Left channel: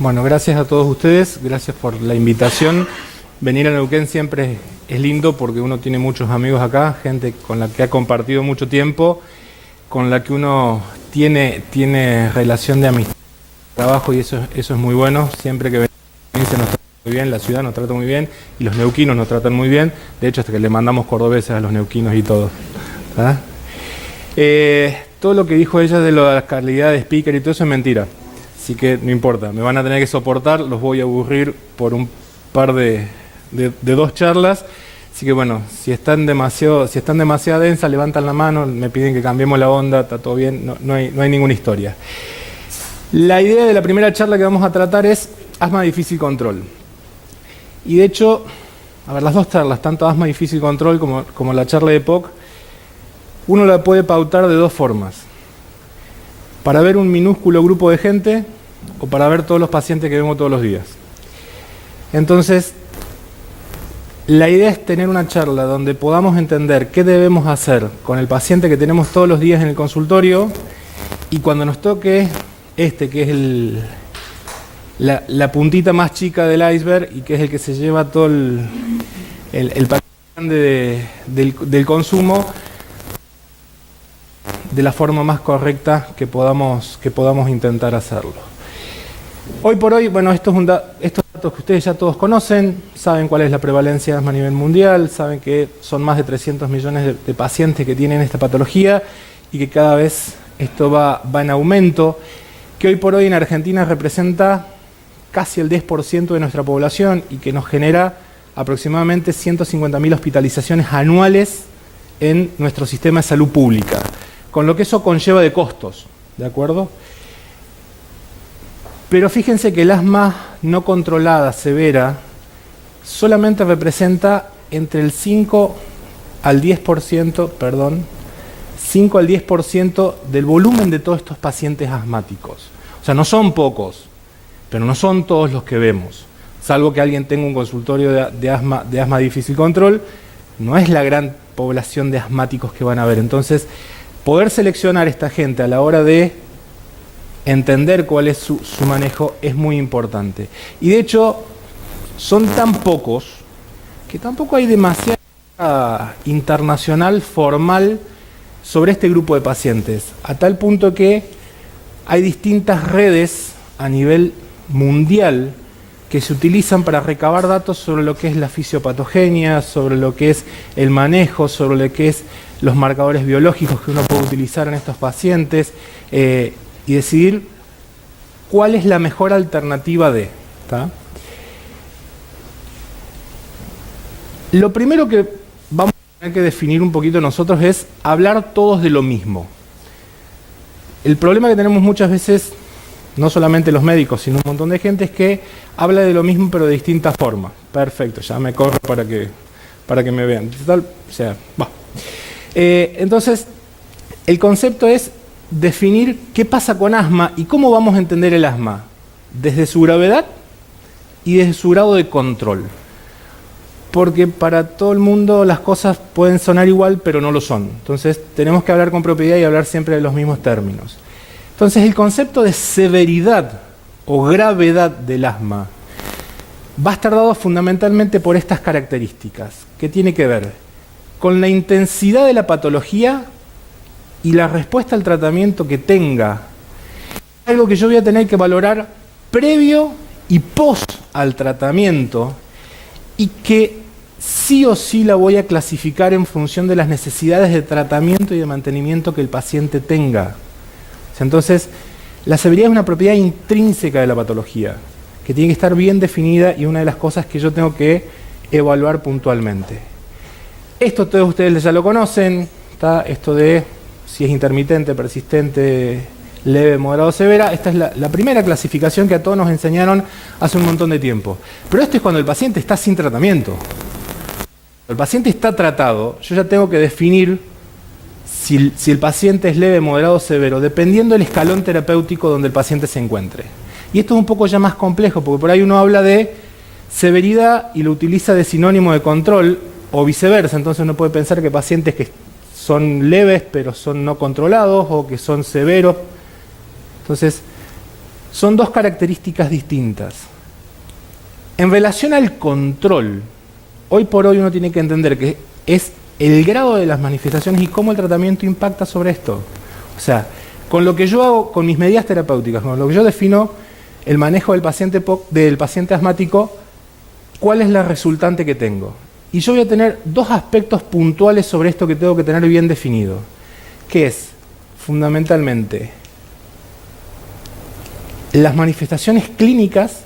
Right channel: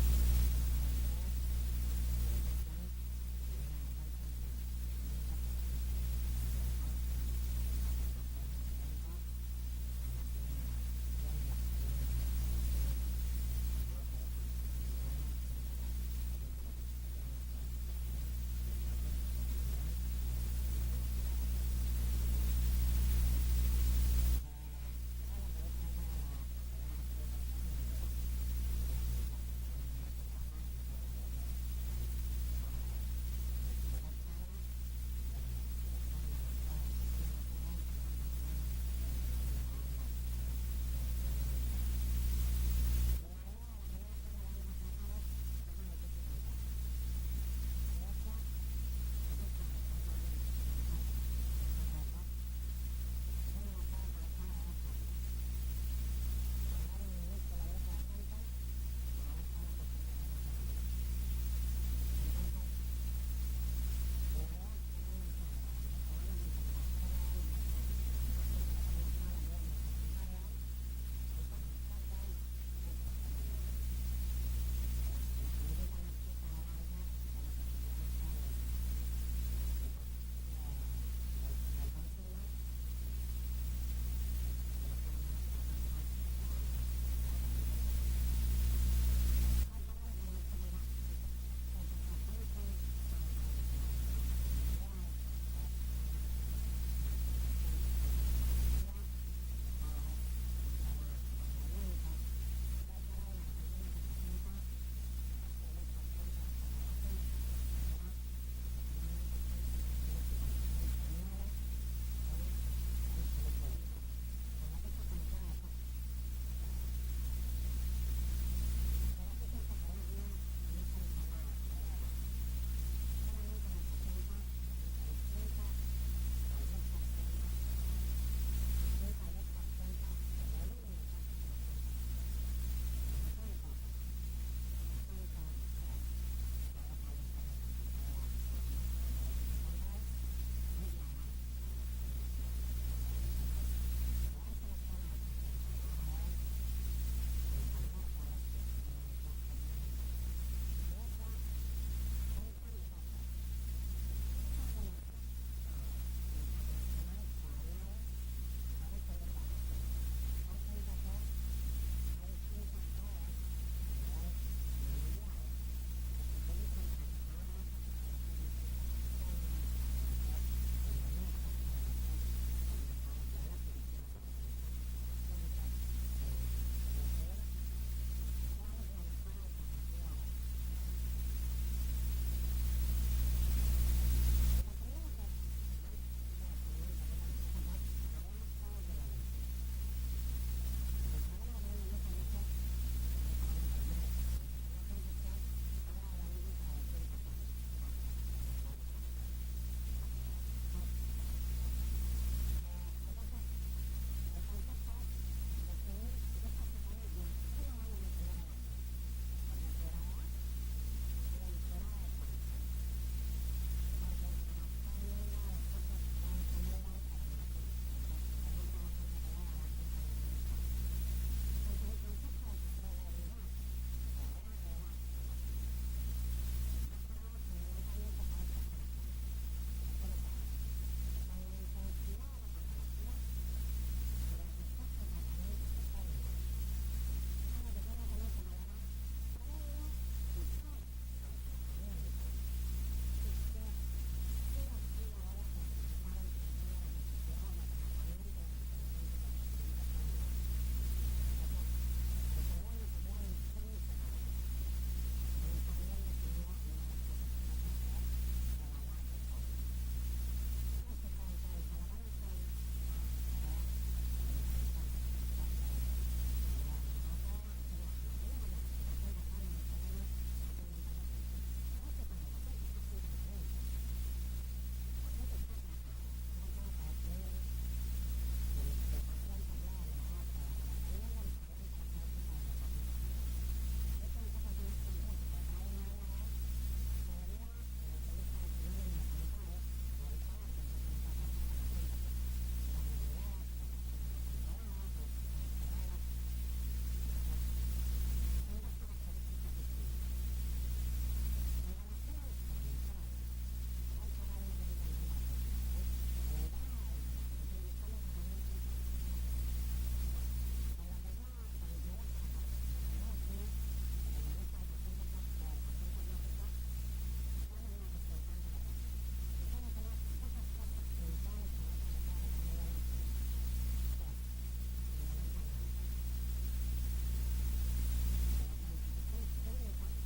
Bueno, gracias a todos ustedes, gracias por la invitación. Venir a Neuquén siempre es lindo porque uno tiene muchos amigos acá, gente con la que ha compartido mucho tiempo, con la que uno tiene relación de amistad, trabajo, y eso es muy bueno. Siempre que venimos se nos trata muy bien, la ciudad nos trata muy bien y los neuquinos nos tratan muy bien. De hecho, hasta que le mandamos cordobeses a los neuquinos y todo. ¿Ah? Todo lo que dijo ella de la calidad de speaker y todo eso es mentira. Así que no importa, me van a tener que soportar, los voy a aburrir por un par de dos charlas. Así que bueno, si están demasiado densas, levantan la mano, me piden que cambiemos la onda, está todo bien, no hay ninguna historia. La idea de la primera charla que vamos a tratar es asma difícil control. Y de hecho, a ver, las dos charlas, tanto asma difícil control como la charla de POC, uno la puede pautar de dos formas. Para ver un minúsculo grupo de gente o para ver todos los pacientes que vemos todos los días. Entonces, la idea es tener una charla donde podamos entender qué debemos hacer con el paciente que tenemos todos los días en el consultorio, y cuando nos toque que es la puntita más chica del iceberg y que es el que se lleva todo el paquete grande del consumo, de la forma más correcta que podamos intentar hacerlo. Hoy por hoy, bueno, estos datos que ustedes ya todos conocen, saben cuál es la prevalencia de asma a nivel mundial, saben que son más de 300 millones de pacientes que tienen esta patología y que cada vez esto va en aumento, que hoy por hoy en Argentina representa casi el 10% de nuestra población y que nos genera aproximadamente 150.000 hospitalizaciones anuales en nuestro sistema de salud pública, con lo que eso conlleva de costos, ¿de acuerdo? Pero fíjense que el asma no controlada severa solamente representa entre el 5 al 10% del volumen de todos estos pacientes asmáticos. O sea, no son pocos, pero no son todos los que vemos. Salvo que alguien tenga un consultorio de asma difícil control, no es la gran población de asmáticos que van a ver. Entonces, poder seleccionar esta gente a la hora de entender cuál es su manejo es muy importante. Y de hecho, son tan pocos que tampoco hay demasiada internacional formal sobre este grupo de pacientes, a tal punto que hay distintas redes a nivel mundial que se utilizan para recabar datos sobre lo que es la fisiopatogenia, sobre lo que es el manejo, sobre lo que es los marcadores biológicos que uno puede utilizar en estos pacientes, y decidir cuál es la mejor alternativa de. ¿Tá? Lo primero que vamos a tener que definir un poquito nosotros es hablar todos de lo mismo. El problema que tenemos muchas veces, no solamente los médicos, sino un montón de gente, es que habla de lo mismo pero de distintas formas. Perfecto, ya me corro para que me vean. Total, o sea, va. Entonces, el concepto es definir qué pasa con asma y cómo vamos a entender el asma, desde su gravedad y desde su grado de control. Porque para todo el mundo las cosas pueden sonar igual, pero no lo son. Entonces, tenemos que hablar con propiedad y hablar siempre de los mismos términos. Entonces, el concepto de severidad o gravedad del asma va a estar dado fundamentalmente por estas características, que tiene que ver con la intensidad de la patología y la respuesta al tratamiento que tenga. Algo que yo voy a tener que valorar previo y post al tratamiento, y que sí o sí la voy a clasificar en función de las necesidades de tratamiento y de mantenimiento que el paciente tenga. Entonces, la severidad es una propiedad intrínseca de la patología, que tiene que estar bien definida, y una de las cosas que yo tengo que evaluar puntualmente. Esto todos ustedes ya lo conocen, ¿tá? Esto de si es intermitente, persistente, leve, moderado, severa. Esta es la primera clasificación que a todos nos enseñaron hace un montón de tiempo. Pero esto es cuando el paciente está sin tratamiento. Cuando el paciente está tratado, yo ya tengo que definir si el paciente es leve, moderado o severo, dependiendo del escalón terapéutico donde el paciente se encuentre. Y esto es un poco ya más complejo, porque por ahí uno habla de severidad y lo utiliza de sinónimo de control, o viceversa. Entonces uno puede pensar que pacientes que son leves pero son no controlados, o que son severos. Entonces, son dos características distintas. En relación al control, hoy por hoy uno tiene que entender que es el grado de las manifestaciones y cómo el tratamiento impacta sobre esto. O sea, con lo que yo hago, con mis medidas terapéuticas, con lo que yo defino el manejo del paciente asmático, ¿cuál es la resultante que tengo? Y yo voy a tener dos aspectos puntuales sobre esto que tengo que tener bien definido, que es, fundamentalmente, las manifestaciones clínicas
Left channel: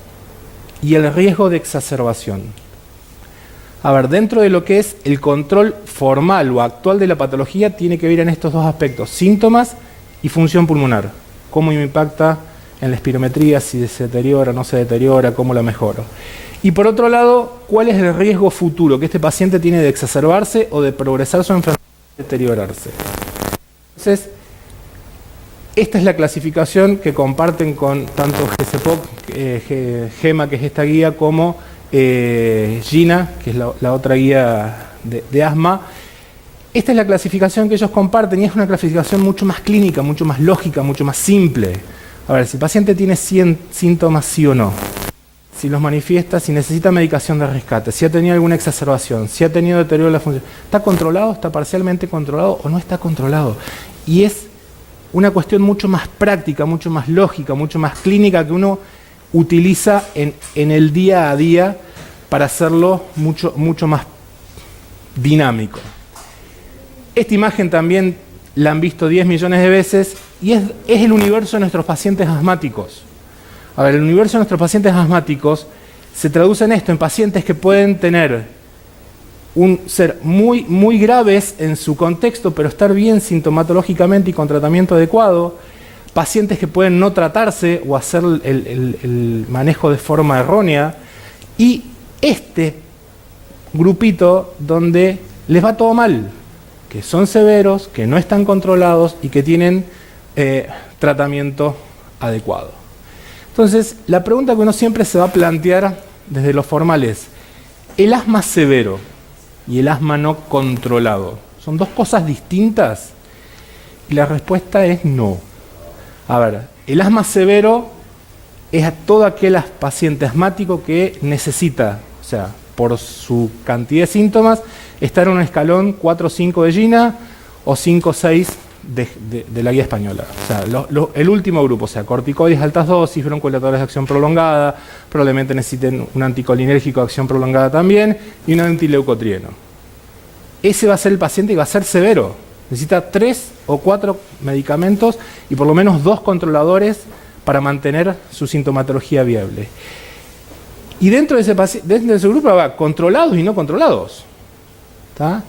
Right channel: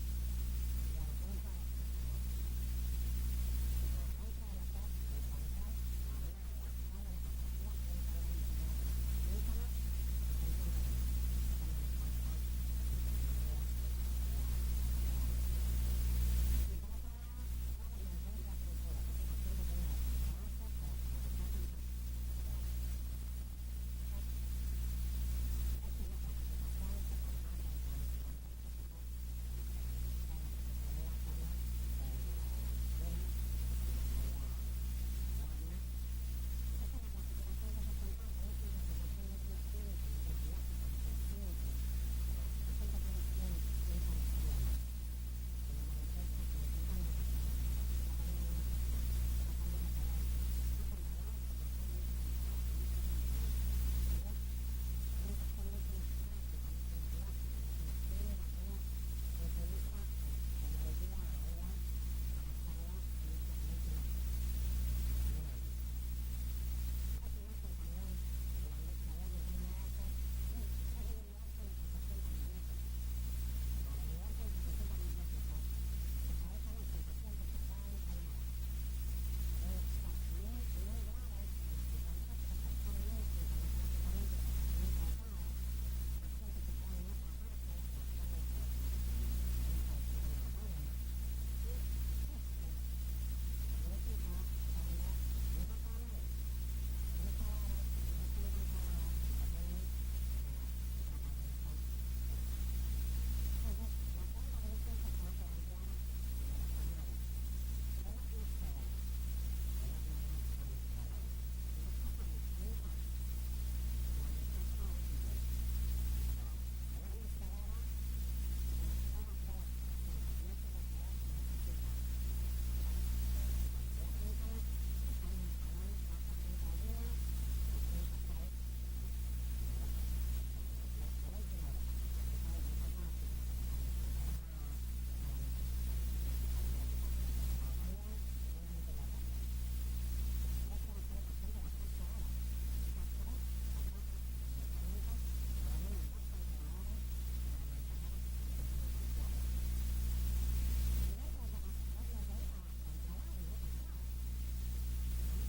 y el riesgo de exacerbación. A ver, dentro de lo que es el control formal o actual de la patología, tiene que ver en estos dos aspectos, síntomas y función pulmonar. Cómo me impacta en la espirometría, si se deteriora o no se deteriora, cómo la mejoro. Y por otro lado, ¿cuál es el riesgo futuro que este paciente tiene de exacerbarse o de progresar su enfermedad y deteriorarse? Entonces, esta es la clasificación que comparten con tanto GCPOC, GEMA, que es esta guía, como GINA, que es la otra guía de asma. Esta es la clasificación que ellos comparten y es una clasificación mucho más clínica, mucho más lógica, mucho más simple. A ver, si el paciente tiene síntomas, sí o no, si los manifiesta, si necesita medicación de rescate, si ha tenido alguna exacerbación, si ha tenido deterioro de la función, ¿está controlado, está parcialmente controlado o no está controlado? Y es una cuestión mucho más práctica, mucho más lógica, mucho más clínica que uno utiliza en el día a día para hacerlo mucho más dinámico. Esta imagen también la han visto 10 millones de veces y es el universo de nuestros pacientes asmáticos. A ver, el universo de nuestros pacientes asmáticos se traduce en esto, en pacientes que pueden tener ser muy graves en su contexto, pero estar bien sintomatológicamente y con tratamiento adecuado, pacientes que pueden no tratarse o hacer el manejo de forma errónea, y este grupito donde les va todo mal, que son severos, que no están controlados y que tienen tratamiento adecuado. Entonces, la pregunta que uno siempre se va a plantear desde lo formal es, ¿el asma severo y el asma no controlado son dos cosas distintas? Y la respuesta es no. A ver, el asma severo es a todo aquel paciente asmático que necesita, o sea, por su cantidad de síntomas, estar en un escalón 4 o 5 de GINA o 5 o 6 de la guía española. O sea, el último grupo, o sea, corticoides altas dosis, broncodilatadores de acción prolongada, probablemente necesiten un anticolinérgico de acción prolongada también, y un antileucotrieno. Ese va a ser el paciente y va a ser severo. Necesita 3 o 4 medicamentos y por lo menos 2 controladores para mantener su sintomatología viable. Y dentro de ese grupo va controlados y no controlados. ¿Está?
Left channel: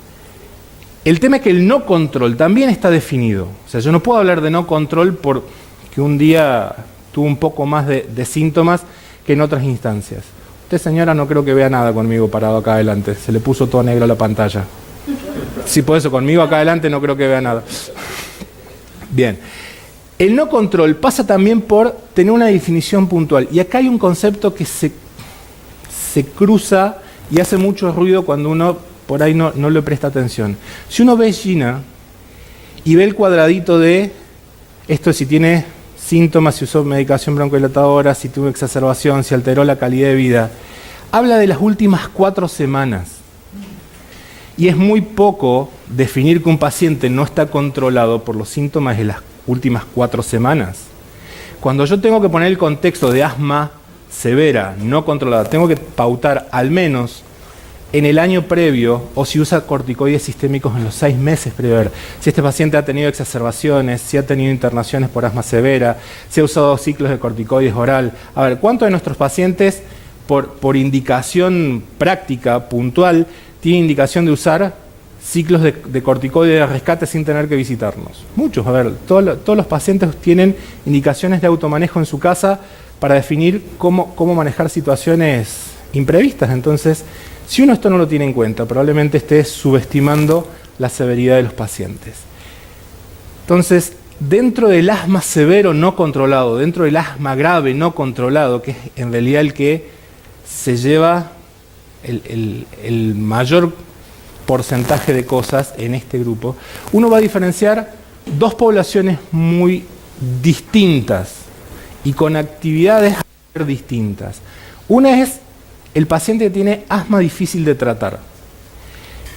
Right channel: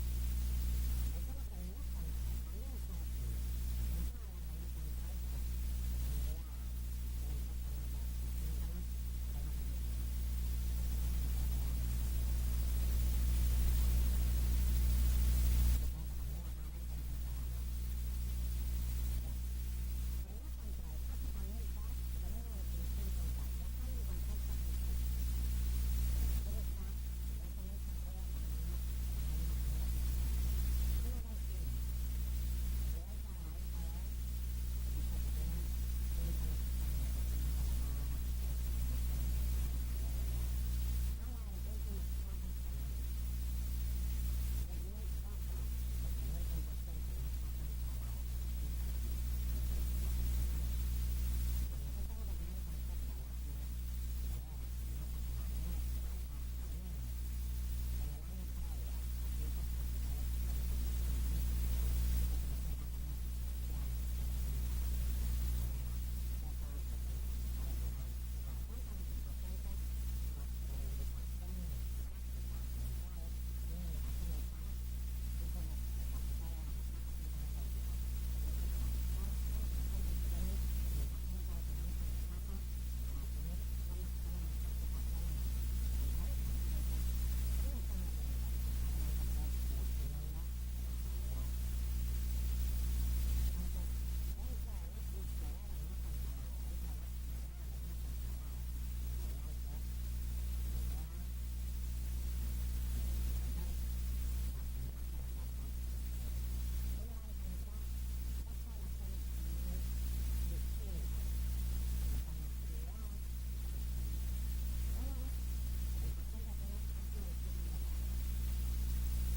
El tema es que el no control también está definido. O sea, yo no puedo hablar de no control porque un día tuvo un poco más de síntomas que en otras instancias. Usted, señora, no creo que vea nada conmigo parado acá adelante. Se le puso todo negro a la pantalla. Sí, por eso, conmigo acá adelante no creo que vea nada. Bien. El no control pasa también por tener una definición puntual. Y acá hay un concepto que se cruza y hace mucho ruido cuando uno por ahí no le presta atención. Si uno ve GINA y ve el cuadradito de esto, si tiene síntomas, si usó medicación broncodilatadora, si tuvo exacerbación, si alteró la calidad de vida, habla de las últimas 4 semanas. Y es muy poco definir que un paciente no está controlado por los síntomas de las últimas 4 semanas. Cuando yo tengo que poner el contexto de asma severa, no controlada, tengo que pautar al menos en el año previo, o si usa corticoides sistémicos en los 6 meses previos, si este paciente ha tenido exacerbaciones, si ha tenido internaciones por asma severa, si ha usado ciclos de corticoides oral. A ver, ¿cuántos de nuestros pacientes, por indicación práctica, puntual, tienen indicación de usar ciclos de corticoides de rescate sin tener que visitarnos? Muchos. A ver, todos los pacientes tienen indicaciones de automanejo en su casa para definir cómo manejar situaciones imprevistas. Entonces, si uno esto no lo tiene en cuenta, probablemente esté subestimando la severidad de los pacientes. Entonces, dentro del asma severo no controlado, dentro del asma grave no controlado, que es en realidad el que se lleva el mayor porcentaje de cosas en este grupo, uno va a diferenciar dos poblaciones muy distintas y con actividades distintas. Una es el paciente que tiene asma difícil de tratar.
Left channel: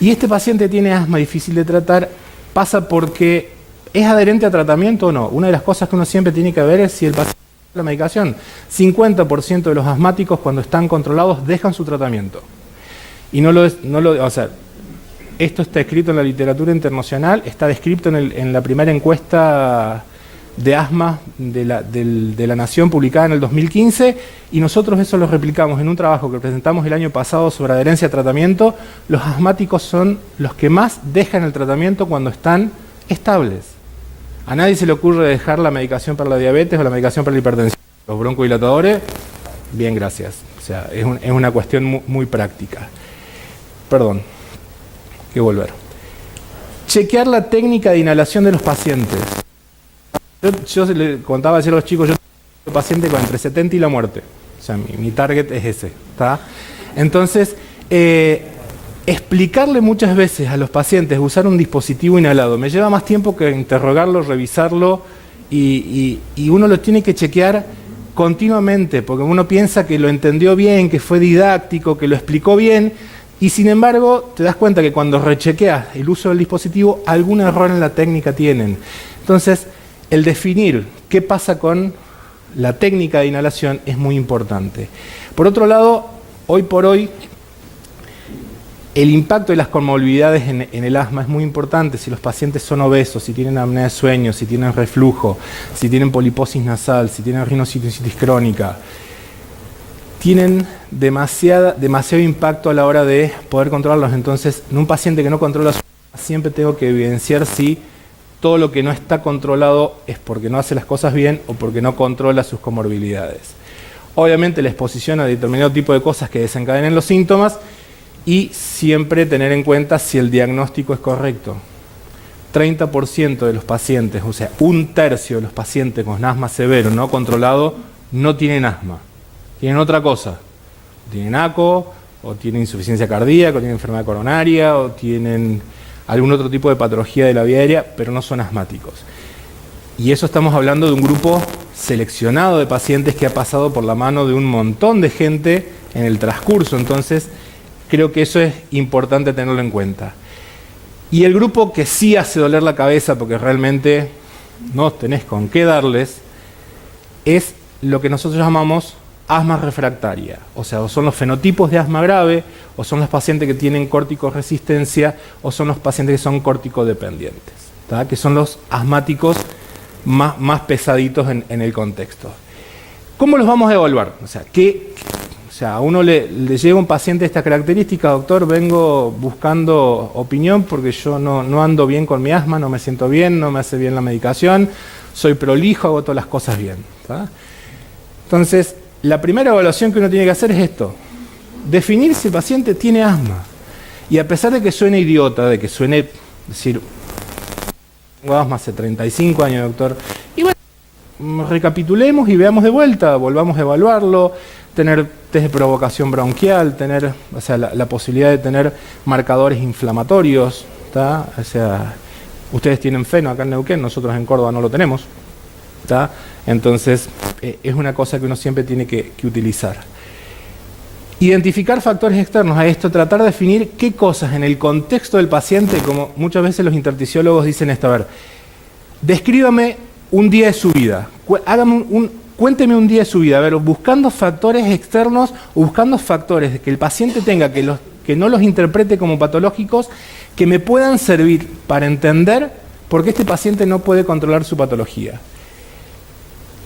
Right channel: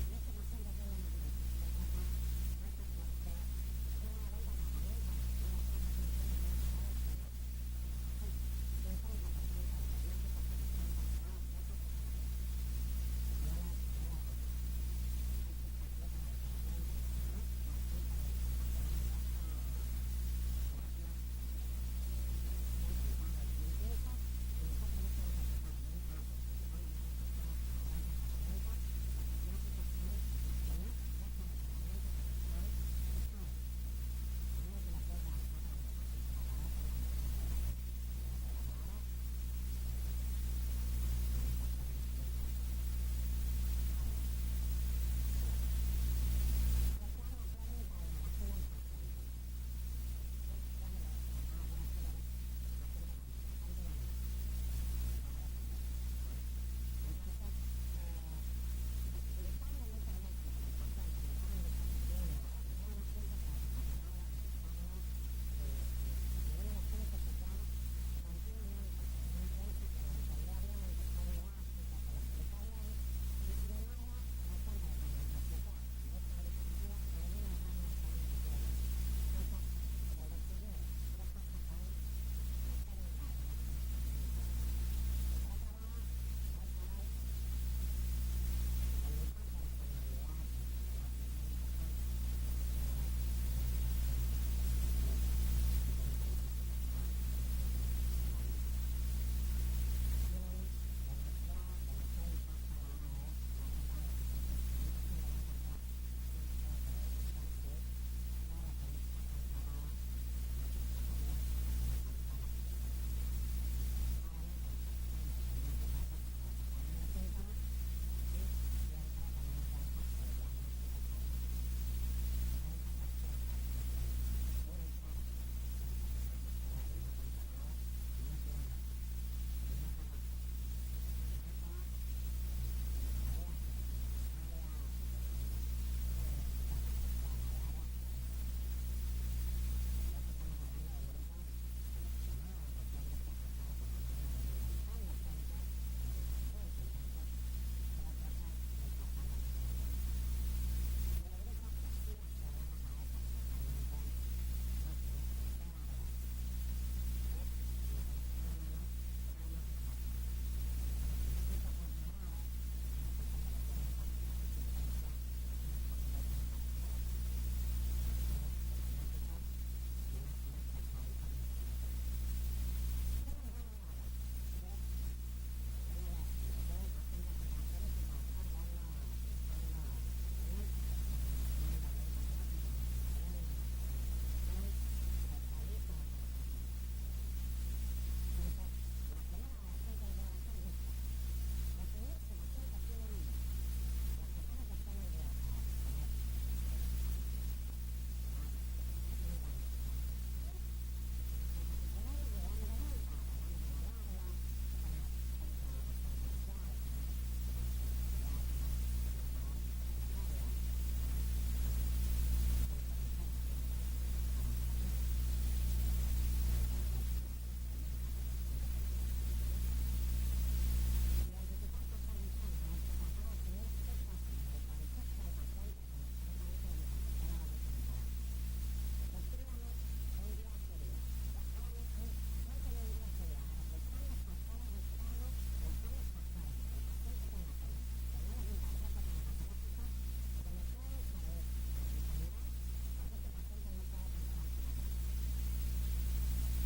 Y este paciente que tiene asma difícil de tratar pasa porque es adherente a tratamiento o no. Una de las cosas que uno siempre tiene que ver es si el paciente la medicación. 50% de los asmáticos cuando están controlados dejan su tratamiento. Y o sea, esto está escrito en la literatura internacional, está descrito en la primera encuesta de asma de la Nación publicada en el 2015, y nosotros eso lo replicamos en un trabajo que presentamos el año pasado sobre adherencia a tratamiento. Los asmáticos son los que más dejan el tratamiento cuando están estables. A nadie se le ocurre dejar la medicación para la diabetes o la medicación para la hipertensión. Los broncodilatadores, bien, gracias. O sea, es una cuestión muy práctica. Perdón, hay que volver. Chequear la técnica de inhalación de los pacientes. Yo le contaba ayer a los chicos, yo tengo un paciente con entre 70 y la muerte. O sea, mi target es ese, ¿está? Entonces, explicarle muchas veces a los pacientes usar un dispositivo inhalado me lleva más tiempo que interrogarlo, revisarlo, y uno lo tiene que chequear continuamente, porque uno piensa que lo entendió bien, que fue didáctico, que lo explicó bien, y sin embargo te das cuenta que cuando rechequeas el uso del dispositivo, algún error en la técnica tienen. Entonces, el definir qué pasa con la técnica de inhalación es muy importante. Por otro lado, hoy por hoy, el impacto de las comorbilidades en el asma es muy importante. Si los pacientes son obesos, si tienen apnea de sueño, si tienen reflujo, si tienen poliposis nasal, si tienen rinosinusitis crónica, tienen demasiado impacto a la hora de poder controlarlos. Entonces, en un paciente que no controla su asma, siempre tengo que evidenciar si todo lo que no está controlado es porque no hace las cosas bien o porque no controla sus comorbilidades. Obviamente, la exposición a determinado tipo de cosas que desencadenen los síntomas, y siempre tener en cuenta si el diagnóstico es correcto. 30% de los pacientes, o sea, 1/3 de los pacientes con asma severo no controlado, no tienen asma. Tienen otra cosa. Tienen ACO, o tienen insuficiencia cardíaca, o tienen enfermedad coronaria, o tienen algún otro tipo de patología de la vía aérea, pero no son asmáticos. Y eso estamos hablando de un grupo seleccionado de pacientes que ha pasado por la mano de un montón de gente en el transcurso. Entonces, creo que eso es importante tenerlo en cuenta. Y el grupo que sí hace doler la cabeza, porque realmente no tenés con qué darles, es lo que nosotros llamamos asma refractaria. O sea, o son los fenotipos de asma grave, o son los pacientes que tienen corticoresistencia, o son los pacientes que son corticodependientes, ¿tá? Que son los asmáticos más pesaditos en el contexto. ¿Cómo los vamos a evaluar? O sea, a uno le llega un paciente de esta característica: doctor, vengo buscando opinión porque yo no ando bien con mi asma, no me siento bien, no me hace bien la medicación, soy prolijo, hago todas las cosas bien, ¿tá? Entonces, la primera evaluación que uno tiene que hacer es esto: definir si el paciente tiene asma. Y a pesar de que suene idiota, de que suene decir, tengo asma hace 35 años, doctor, y bueno, recapitulemos y veamos de vuelta, volvamos a evaluarlo, tener test de provocación bronquial, tener, o sea, la posibilidad de tener marcadores inflamatorios, ¿tá? O sea, ustedes tienen feno acá en Neuquén, nosotros en Córdoba no lo tenemos, ¿tá? Entonces, es una cosa que uno siempre tiene que utilizar. Identificar factores externos a esto, tratar de definir qué cosas en el contexto del paciente, como muchas veces los intersticiólogos dicen esto: a ver, descríbame un día de su vida, cuénteme un día de su vida, a ver, buscando factores externos o buscando factores que el paciente tenga, que no los interprete como patológicos, que me puedan servir para entender por qué este paciente no puede controlar su patología.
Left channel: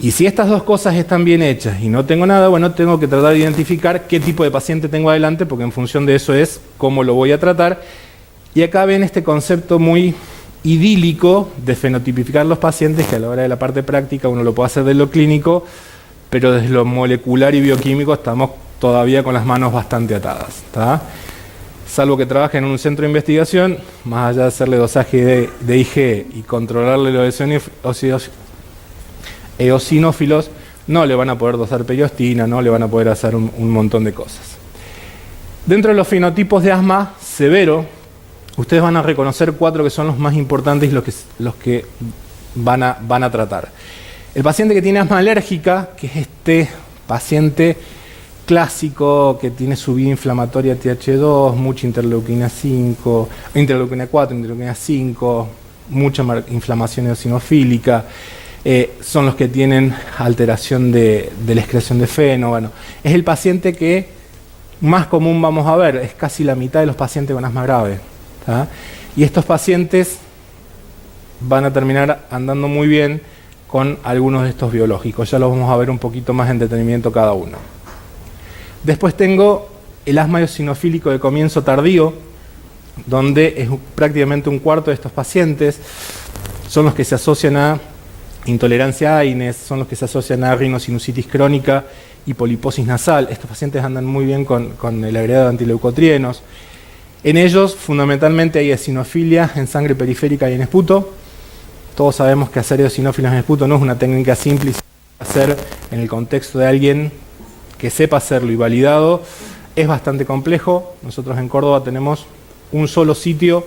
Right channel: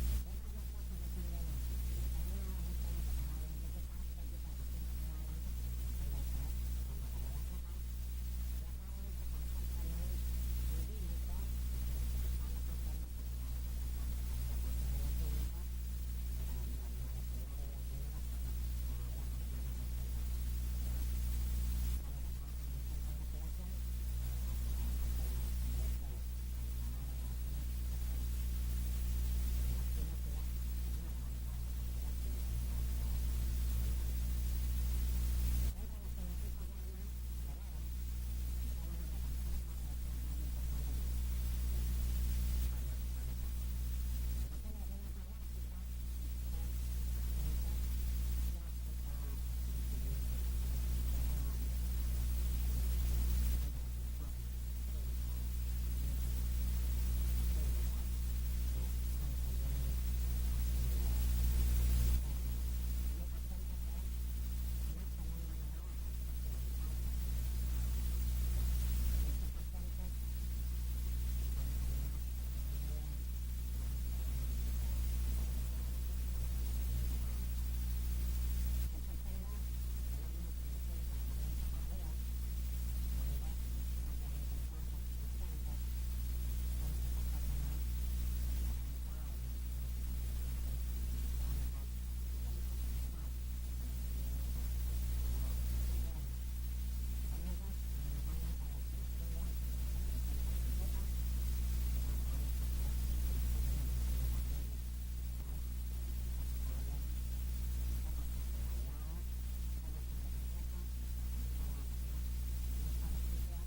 Y si estas dos cosas están bien hechas y no tengo nada, bueno, tengo que tratar de identificar qué tipo de paciente tengo adelante, porque en función de eso es cómo lo voy a tratar. Y acá ven este concepto muy idílico de fenotipificar los pacientes, que a la hora de la parte práctica uno lo puede hacer de lo clínico, pero desde lo molecular y bioquímico estamos todavía con las manos bastante atadas, ¿tá? Salvo que trabajen en un centro de investigación, más allá de hacerle dosaje de IG y controlarle los eosinófilos, no le van a poder dosar periostina, no le van a poder hacer un montón de cosas. Dentro de los fenotipos de asma severo, ustedes van a reconocer 4 que son los más importantes y los que van a tratar. El paciente que tiene asma alérgica, que es este paciente clásico que tiene su vía inflamatoria Th2, mucha interleuquina 5, interleuquina 4, interleuquina 5, mucha inflamación eosinofílica, son los que tienen alteración de la excreción de feno. Bueno, es el paciente que más común vamos a ver, es casi la mitad de los pacientes con asma grave, ¿tá? Y estos pacientes van a terminar andando muy bien con algunos de estos biológicos. Ya los vamos a ver un poquito más en detenimiento cada uno. Después tengo el asma eosinofílico de comienzo tardío, donde es prácticamente un cuarto de estos pacientes son los que se asocian a intolerancia a AINES, son los que se asocian a rinosinusitis crónica y poliposis nasal. Estos pacientes andan muy bien con el agregado de antileucotrienos. En ellos, fundamentalmente, hay eosinofilia en sangre periférica y en esputo. Todos sabemos que hacer eosinófilos en esputo no es una técnica simple y hacer en el contexto de alguien que sepa hacerlo y validado es bastante complejo. Nosotros en Córdoba tenemos un solo sitio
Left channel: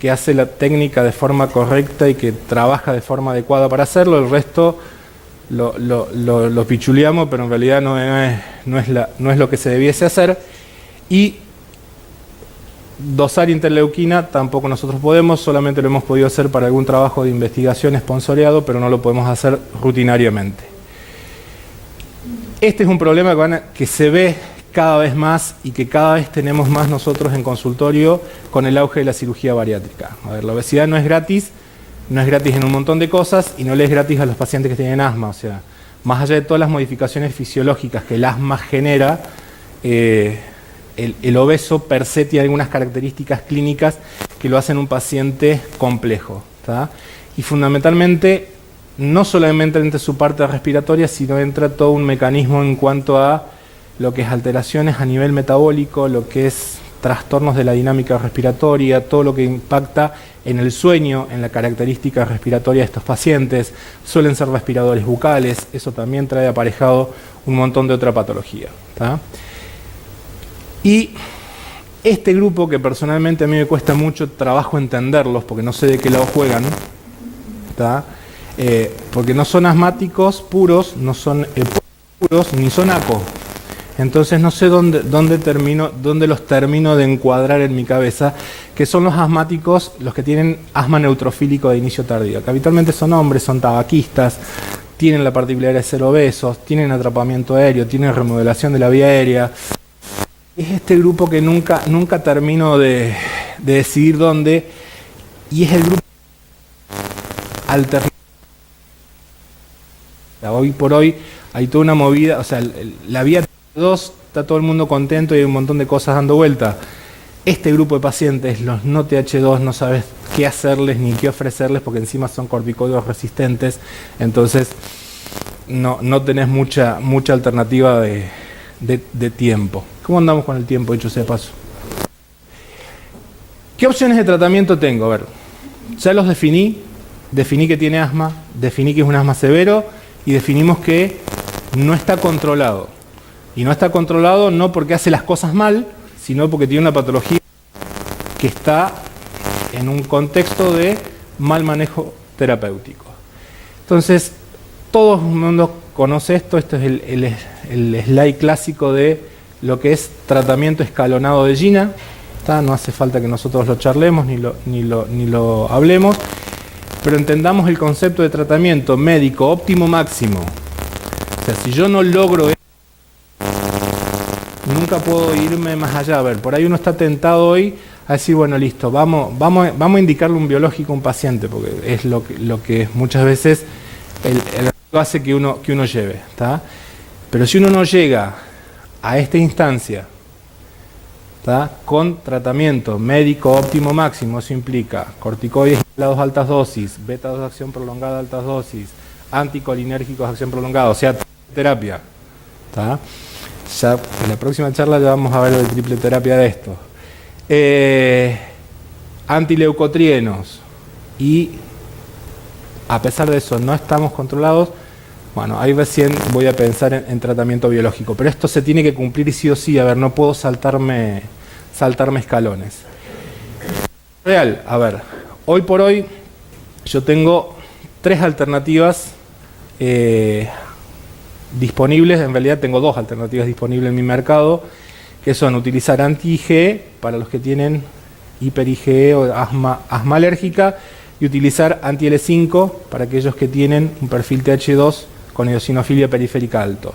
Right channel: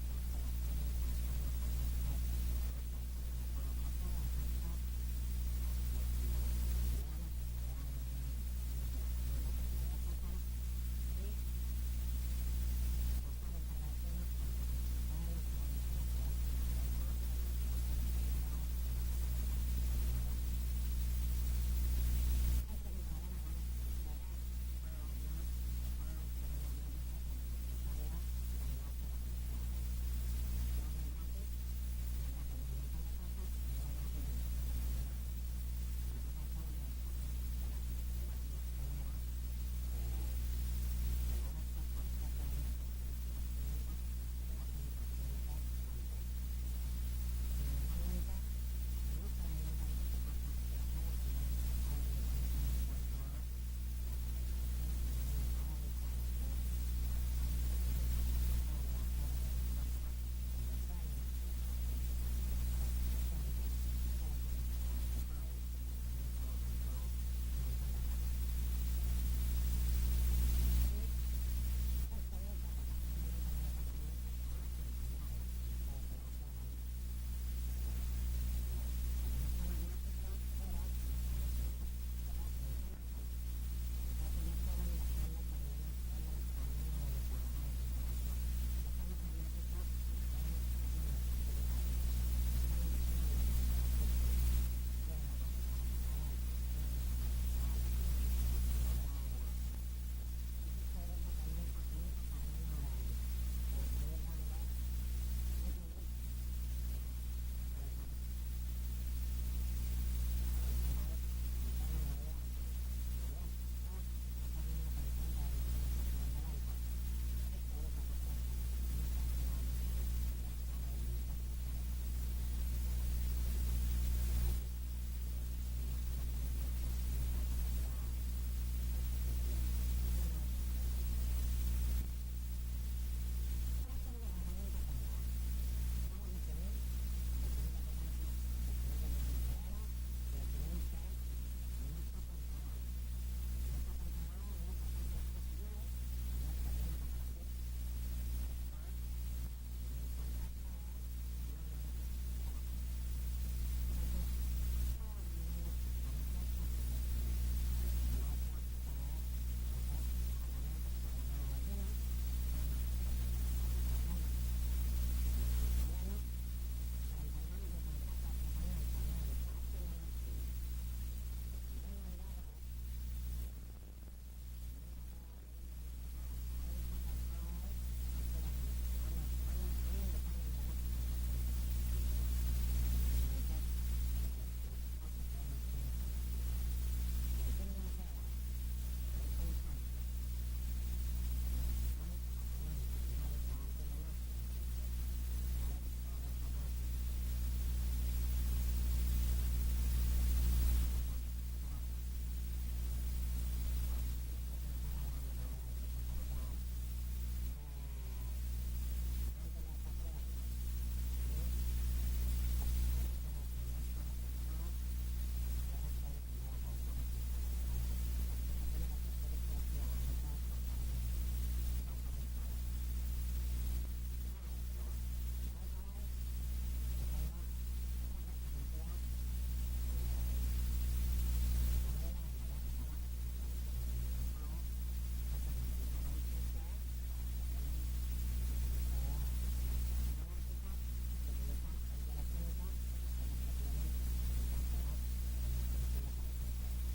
que hace la técnica de forma correcta y que trabaja de forma adecuada para hacerlo. El resto lo pichuleamos, pero en realidad no es lo que se debiese hacer. Y dosar interleuquina tampoco nosotros podemos, solamente lo hemos podido hacer para algún trabajo de investigación esponsoreado, pero no lo podemos hacer rutinariamente. Este es un problema que se ve cada vez más y que cada vez tenemos más nosotros en consultorio con el auge de la cirugía bariátrica. A ver, la obesidad no es gratis en un montón de cosas y no le es gratis a los pacientes que tienen asma. O sea, más allá de todas las modificaciones fisiológicas que el asma genera, el obeso per se tiene algunas características clínicas que lo hacen un paciente complejo, ¿tá? Y fundamentalmente no solamente entra su parte respiratoria, sino entra todo un mecanismo en cuanto a lo que es alteraciones a nivel metabólico, lo que es trastornos de la dinámica respiratoria, todo lo que impacta en el sueño, en la característica respiratoria de estos pacientes. Suelen ser respiradores bucales, eso también trae aparejado un montón de otra patología, ¿tá? Y este grupo, que personalmente a mí me cuesta mucho trabajo entenderlos, porque no sé de qué lado juegan, ¿tá? Porque no son asmáticos puros, no son puros, ni son ACO. Entonces no sé dónde los termino de encuadrar en mi cabeza, que son los asmáticos, los que tienen asma neutrofílico de inicio tardío, que habitualmente son hombres, son tabaquistas, tienen la particularidad de ser obesos, tienen atrapamiento aéreo, tienen remodelación de la vía aérea. Es este grupo que nunca termino de decidir dónde, y es el grupo alternativo. Hoy por hoy hay toda una movida, o sea, la vía 2 está todo el mundo contento y hay un montón de cosas dando vuelta. Este grupo de pacientes, los no TH2, no sabes qué hacerles ni qué ofrecerles porque encima son corticoides resistentes, entonces no tenés mucha alternativa de tiempo. ¿Cómo andamos con el tiempo, dicho sea de paso? ¿Qué opciones de tratamiento tengo? A ver, ya los definí que tiene asma, definí que es un asma severo y definimos que no está controlado. Y no está controlado no porque hace las cosas mal, sino porque tiene una patología que está en un contexto de mal manejo terapéutico. Entonces, todo el mundo conoce esto es el slide clásico de lo que es tratamiento escalonado de GINA. No hace falta que nosotros lo charlemos ni lo hablemos, pero entendamos el concepto de tratamiento médico óptimo máximo. O sea, si yo no logro eso, nunca puedo irme más allá. A ver, por ahí uno está tentado hoy a decir, bueno, listo, vamos a indicarle un biológico a un paciente, porque es lo que muchas veces el hace que uno lleve, ¿tá? Pero si uno no llega a esta instancia, ¿tá?, con tratamiento médico óptimo máximo, eso implica corticoides inhalados a altas dosis, beta-2 de acción prolongada a altas dosis, anticolinérgicos de acción prolongada, o sea, terapia, ¿tá? Ya en la próxima charla ya vamos a ver el triple terapia de esto. Antileucotrienos, y a pesar de eso no estamos controlados. Bueno, ahí recién voy a pensar en tratamiento biológico, pero esto se tiene que cumplir sí o sí. A ver, no puedo saltarme escalones. Real, a ver, hoy por hoy yo tengo 3 alternativas disponibles. En realidad tengo dos alternativas disponibles en mi mercado, que son utilizar anti-IgE para los que tienen hiper-IgE o asma alérgica, y utilizar anti-L5 para aquellos que tienen un perfil Th2 con eosinofilia periférica alto.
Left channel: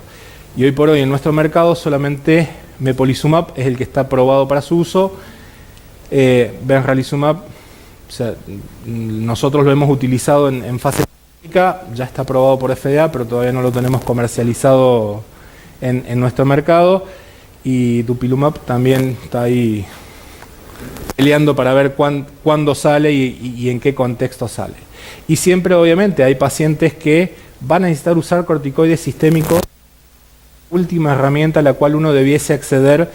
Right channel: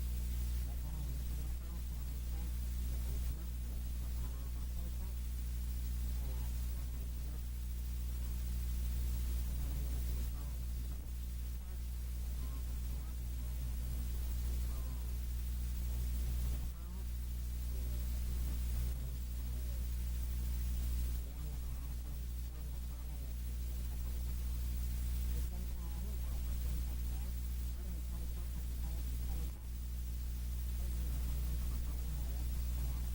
Y hoy por hoy en nuestro mercado solamente mepolizumab es el que está aprobado para su uso. Benralizumab, o sea, nosotros lo hemos utilizado en fase clínica, ya está aprobado por FDA, pero todavía no lo tenemos comercializado en nuestro mercado. Y dupilumab también está ahí peleando para ver cuándo sale y en qué contexto sale. Y siempre, obviamente, hay pacientes que van a necesitar usar corticoides sistémicos, última herramienta a la cual uno debiese acceder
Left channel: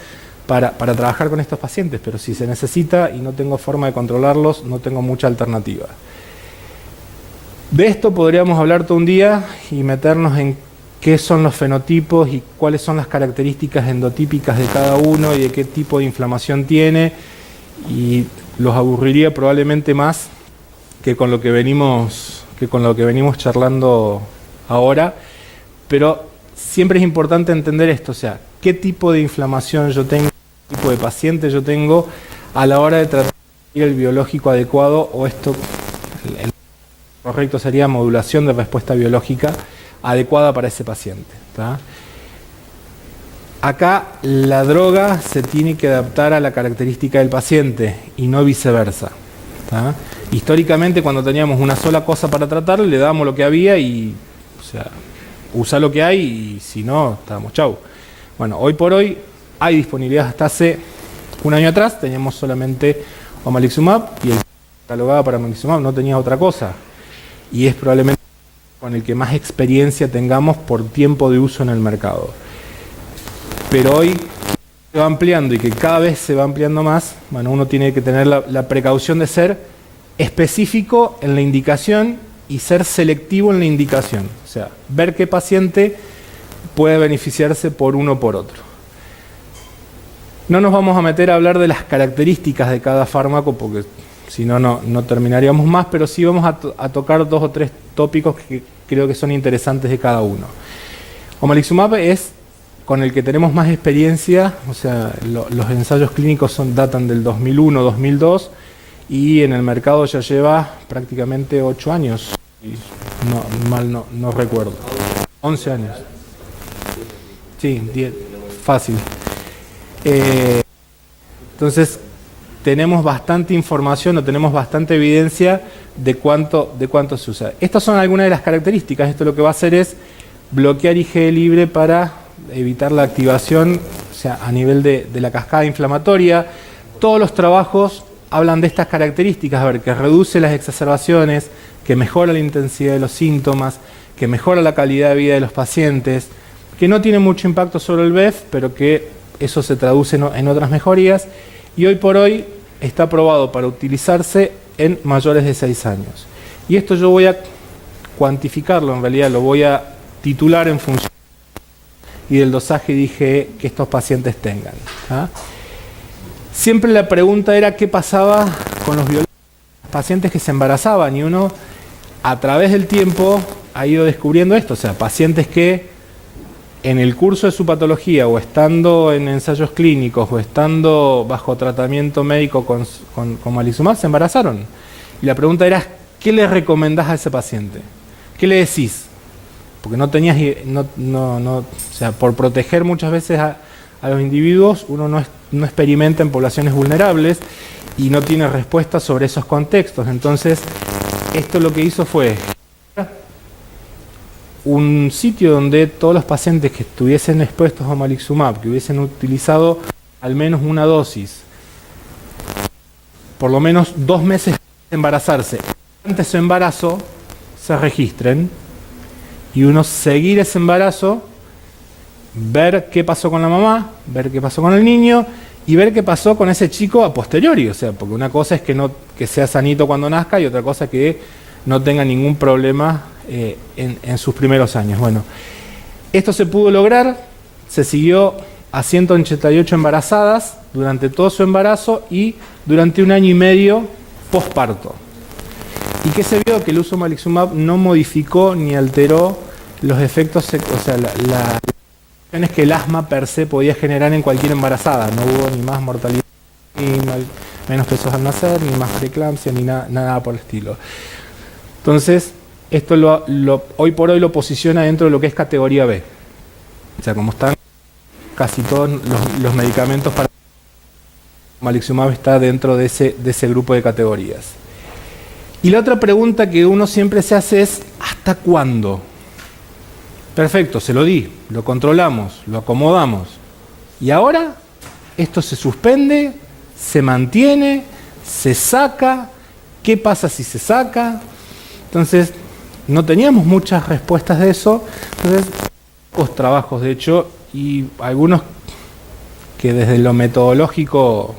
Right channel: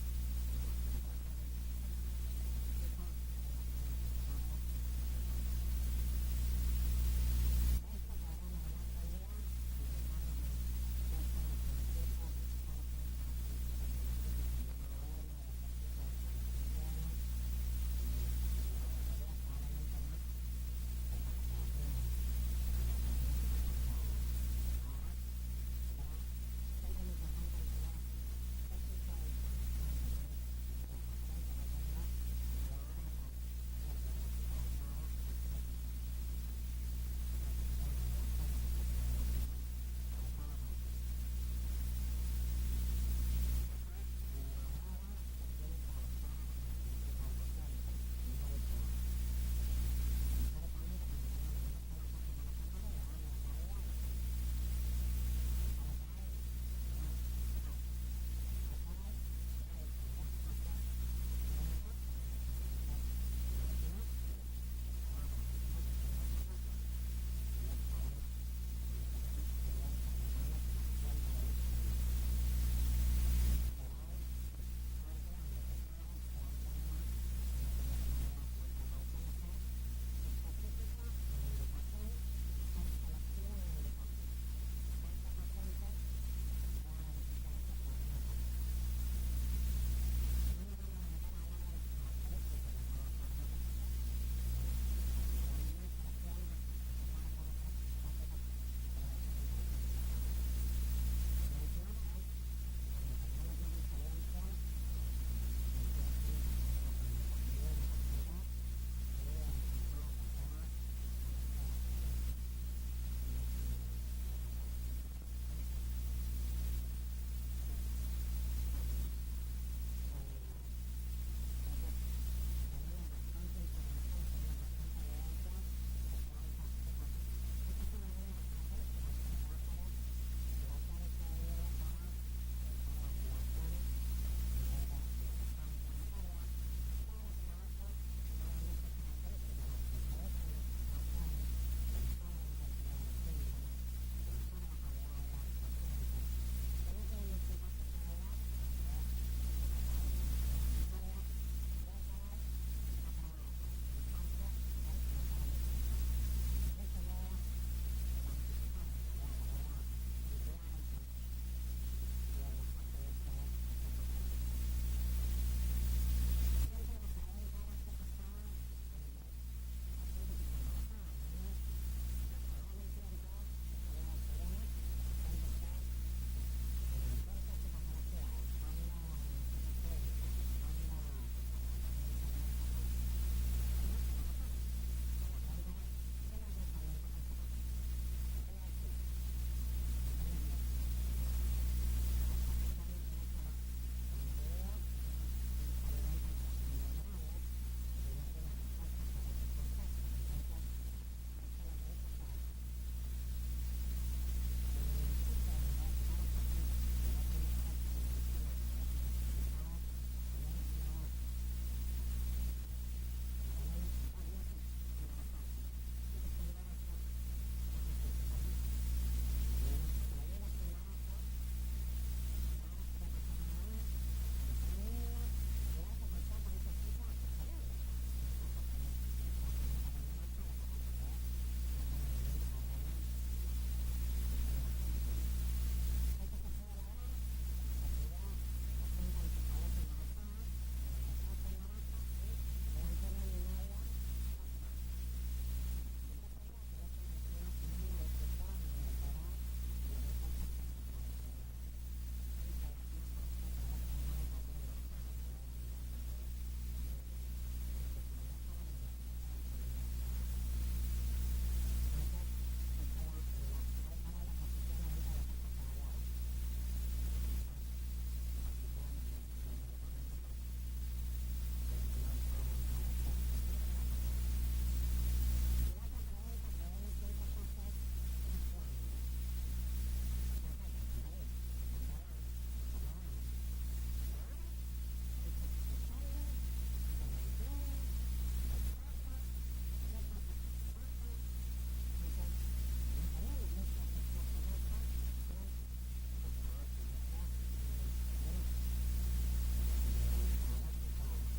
para trabajar con estos pacientes, pero si se necesita y no tengo forma de controlarlos, no tengo mucha alternativa. De esto podríamos hablar todo un día y meternos en qué son los fenotipos y cuáles son las características endotípicas de cada uno y de qué tipo de inflamación tiene, y los aburriría probablemente más que con lo que venimos charlando ahora, pero siempre es importante entender esto, o sea, qué tipo de inflamación yo tengo, qué tipo de paciente yo tengo a la hora de tratar el biológico adecuado, o esto, el correcto sería modulación de respuesta biológica adecuada para ese paciente, ¿tá? Acá la droga se tiene que adaptar a la característica del paciente y no viceversa, ¿tá? Históricamente, cuando teníamos una sola cosa para tratar, le dábamos lo que había y, o sea, usa lo que hay, y si no, estábamos chau. Bueno, hoy por hoy hay disponibilidad. Hasta hace un año atrás teníamos solamente omalizumab y el catalogado para omalizumab no tenía otra cosa. Y es probablemente con el que más experiencia tengamos por tiempo de uso en el mercado. Pero hoy se va ampliando, y que cada vez se va ampliando más, bueno, uno tiene que tener la precaución de ser específico en la indicación y ser selectivo en la indicación. O sea, ver qué paciente puede beneficiarse por uno o por otro. No nos vamos a meter a hablar de las características de cada fármaco, porque si no, no terminaríamos más, pero sí vamos a tocar dos o tres tópicos que creo que son interesantes de cada uno. Omalizumab es con el que tenemos más experiencia, o sea, los ensayos clínicos datan del 2001-2002, y en el mercado ya lleva prácticamente 8 años, no recuerdo, 11 años. Sí, 10, fácil. Entonces, tenemos bastante información, o tenemos bastante evidencia de cuánto se usa. Estas son algunas de las características. Esto lo que va a hacer es bloquear IgE libre para evitar la activación, o sea, a nivel de la cascada inflamatoria. Todos los trabajos hablan de estas características, a ver, que reduce las exacerbaciones, que mejora la intensidad de los síntomas, que mejora la calidad de vida de los pacientes, que no tiene mucho impacto sobre el BEF, pero que eso se traduce en otras mejorías, y hoy por hoy está aprobado para utilizarse en mayores de 6 años. Y esto yo voy a cuantificarlo, en realidad lo voy a titular en función y del dosaje de IgE que estos pacientes tengan, ¿ah? Siempre la pregunta era qué pasaba con los pacientes que se embarazaban, y uno a través del tiempo ha ido descubriendo esto, o sea, pacientes que en el curso de su patología, o estando en ensayos clínicos, o estando bajo tratamiento médico con omalizumab, se embarazaron. Y la pregunta era, ¿qué le recomendás a ese paciente? ¿Qué le decís? Porque no tenías, o sea, por proteger muchas veces a los individuos, uno no experimenta en poblaciones vulnerables y no tiene respuesta sobre esos contextos. Entonces, esto lo que hizo fue un sitio donde todos los pacientes que estuviesen expuestos a omalizumab, que hubiesen utilizado al menos una dosis, por lo menos 2 meses de embarazarse, antes de su embarazo, se registren, y uno seguir ese embarazo, ver qué pasó con la mamá, ver qué pasó con el niño, y ver qué pasó con ese chico a posteriori. O sea, porque una cosa es que sea sanito cuando nazca, y otra cosa es que no tenga ningún problema en sus primeros años. Bueno, esto se pudo lograr, se siguió a 188 embarazadas durante todo su embarazo y durante 1 año y medio posparto. ¿Y qué se vio? Que el uso de omalizumab no modificó ni alteró los efectos, o sea, las que el asma per se podía generar en cualquier embarazada. No hubo ni más mortalidad, ni menos pesos al nacer, ni más preeclampsia, ni nada por el estilo. Entonces, esto hoy por hoy lo posiciona dentro de lo que es categoría B. O sea, como están casi todos los medicamentos para omalizumab, está dentro de ese grupo de categorías. Y la otra pregunta que uno siempre se hace es, ¿hasta cuándo? Perfecto, se lo di, lo controlamos, lo acomodamos. ¿Y ahora? ¿Esto se suspende? ¿Se mantiene? ¿Se saca? ¿Qué pasa si se saca? Entonces, no teníamos muchas respuestas de eso. Entonces, pocos trabajos, de hecho, y algunos que desde lo metodológico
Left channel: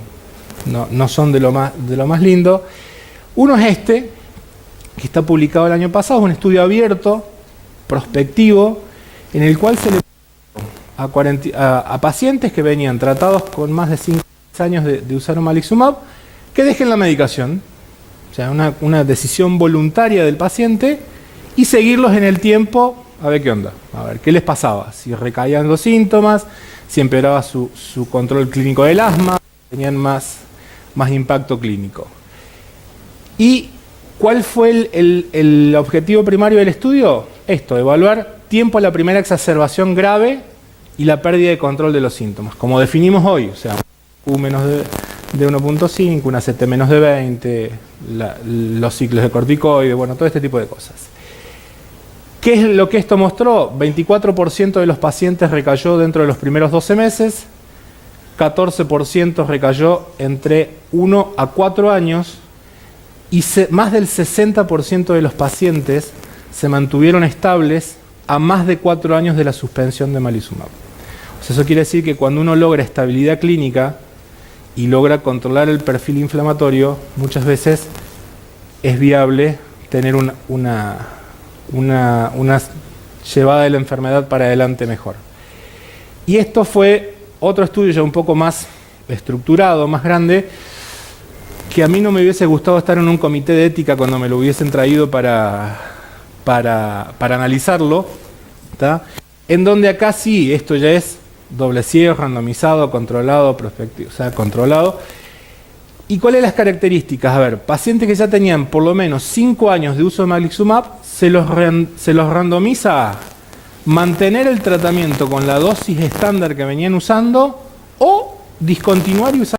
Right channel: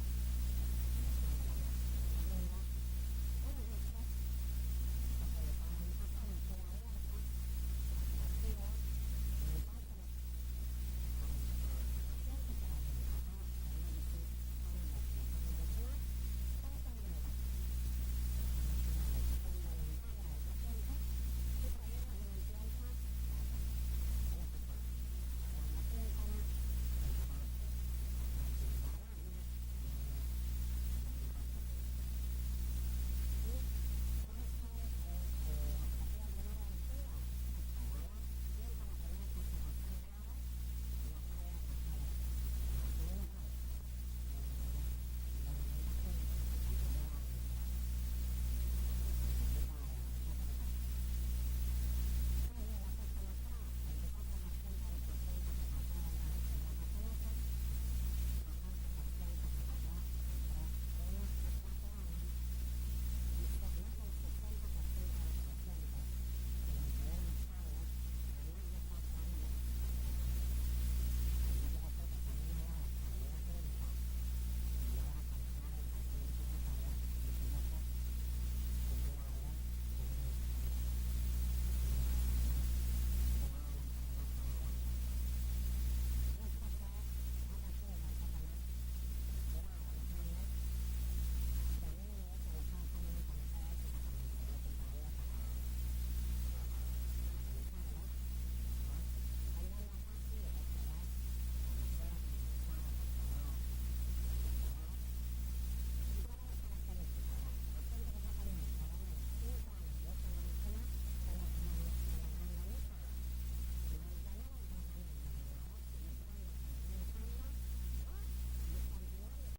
no son de lo más lindo. Uno es este, que está publicado el año pasado, es un estudio abierto, prospectivo, en el cual se le a pacientes que venían tratados con más de 5 años de usar omalizumab, que dejen la medicación, o sea, una decisión voluntaria del paciente, y seguirlos en el tiempo a ver qué onda, a ver qué les pasaba, si recaían los síntomas, si empeoraba su control clínico del asma, tenían más impacto clínico. ¿Y cuál fue el objetivo primario del estudio? Esto, evaluar tiempo a la primera exacerbación grave y la pérdida de control de los síntomas, como definimos hoy, o sea, Q menos de 1.5, una CT menos de 20, los ciclos de corticoides, bueno, todo este tipo de cosas. ¿Qué es lo que esto mostró? 24% de los pacientes recayó dentro de los primeros 12 meses, 14% recayó entre 1 a 4 años, y más del 60% de los pacientes se mantuvieron estables a más de 4 años de la suspensión de omalizumab. O sea, eso quiere decir que cuando uno logra estabilidad clínica y logra controlar el perfil inflamatorio, muchas veces es viable tener una llevada de la enfermedad para adelante mejor. Y esto fue otro estudio ya un poco más estructurado, más grande, que a mí no me hubiese gustado estar en un comité de ética cuando me lo hubiesen traído para analizarlo, ¿tá? En donde acá sí, esto ya es doble ciego, randomizado, controlado, prospectivo, o sea, controlado. ¿Y cuáles las características? A ver, pacientes que ya tenían por lo menos 5 años de uso de omalizumab, se los randomiza a mantener el tratamiento con la dosis estándar que venían usando o discontinuar y usar